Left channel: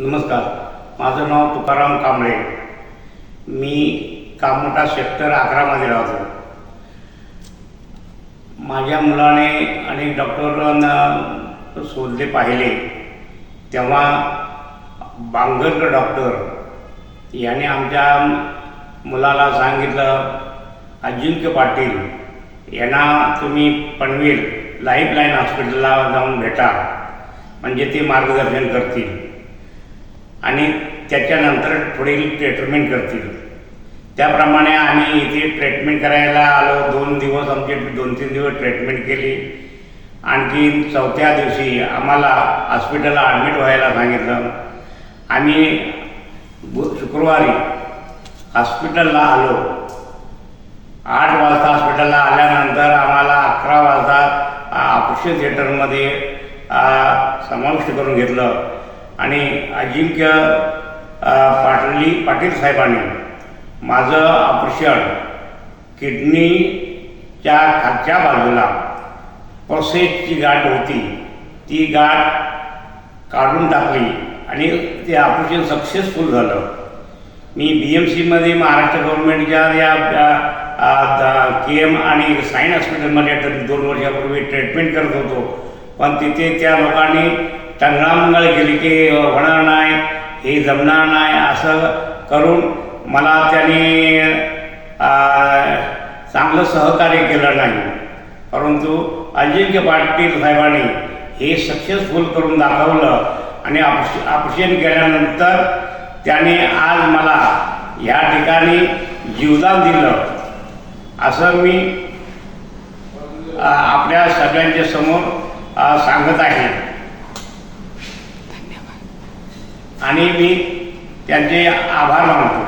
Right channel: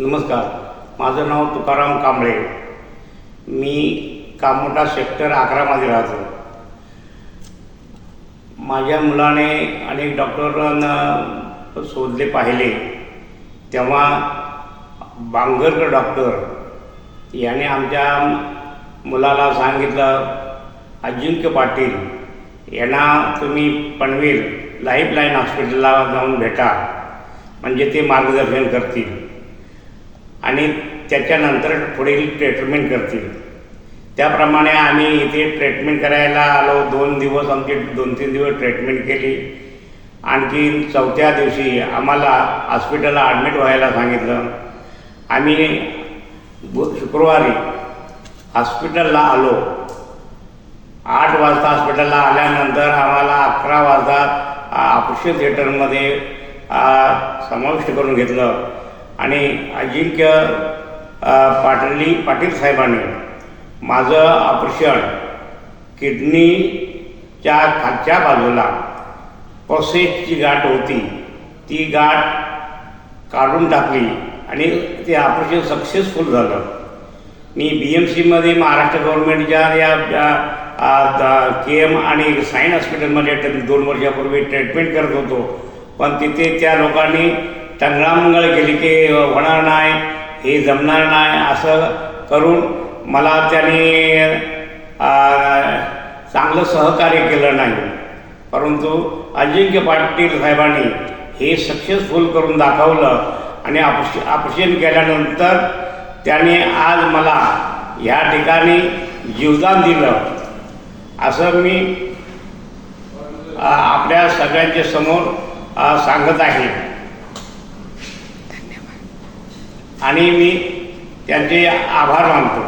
नमस्कार, माझं नाव तुकाराम कांबळे. मी कामोठा सेक्टर 11मध्ये राहतो. माझ्या मुलाने आणि डॉक्टरांना शोधले पाहिले तेव्हा बांगरकर डॉक्टर याने आमच्या मुलाला सांगितलं, अजिंक्य पाटील यांना तुम्ही पनवेल लाईफलाईन हॉस्पिटलला जाऊन भेटा, म्हणजे ते मार्गदर्शन करतील आणि त्याच्यानंतर पुढील ट्रीटमेंट करतील. त्याप्रमाणे आम्ही इथे ट्रीटमेंट करायला आलो. 2 दिवस आमचे 2-3 दिवस ट्रीटमेंट केली. आणखी 4थ्या दिवशी आम्हाला हॉस्पिटलला ॲडमिट व्हायला सांगितलं. आम्ही शुक्रवारी हॉस्पिटलला आलो. 8 वाजता हॉस्पिटलला आल्यानंतर आम्हाला 11 वाजता ऑपरेशन थिएटरमध्ये समाविष्ट करून घेतलं आणि अजिंक्य पाटील साहेबांनी माझं ऑपरेशन किडनीच्या खालच्या बाजूला प्रोसेसची गाठ होती, ती गाठ काढून टाकली आणि ते ऑपरेशन सक्सेसफुल झालं. मी BMCमध्ये महाराष्ट्र गव्हर्नमेंटच्या या KM आणि साईन हॉस्पिटलमध्ये 2 वर्षापूर्वी ट्रीटमेंट करत होतो. पण तिथे त्या लोकांनी टंगळामंगळ केली की होणार नाही, हे जमणार नाही, असं करून मला त्यांनी चांगलं सहकार्य केलं नाही. परंतु अजिंक्य पाटील साहेबांनी हे सक्सेसफुल करून दाखवलं आणि ऑपरेशन केल्यानंतर त्याने आज मला ह्या ठिकाणी जीवदान दिलं, असं मी आपल्या सगळ्यांच्या समोर सांगत आहे. आणि मी त्यांचे आभार मानतो.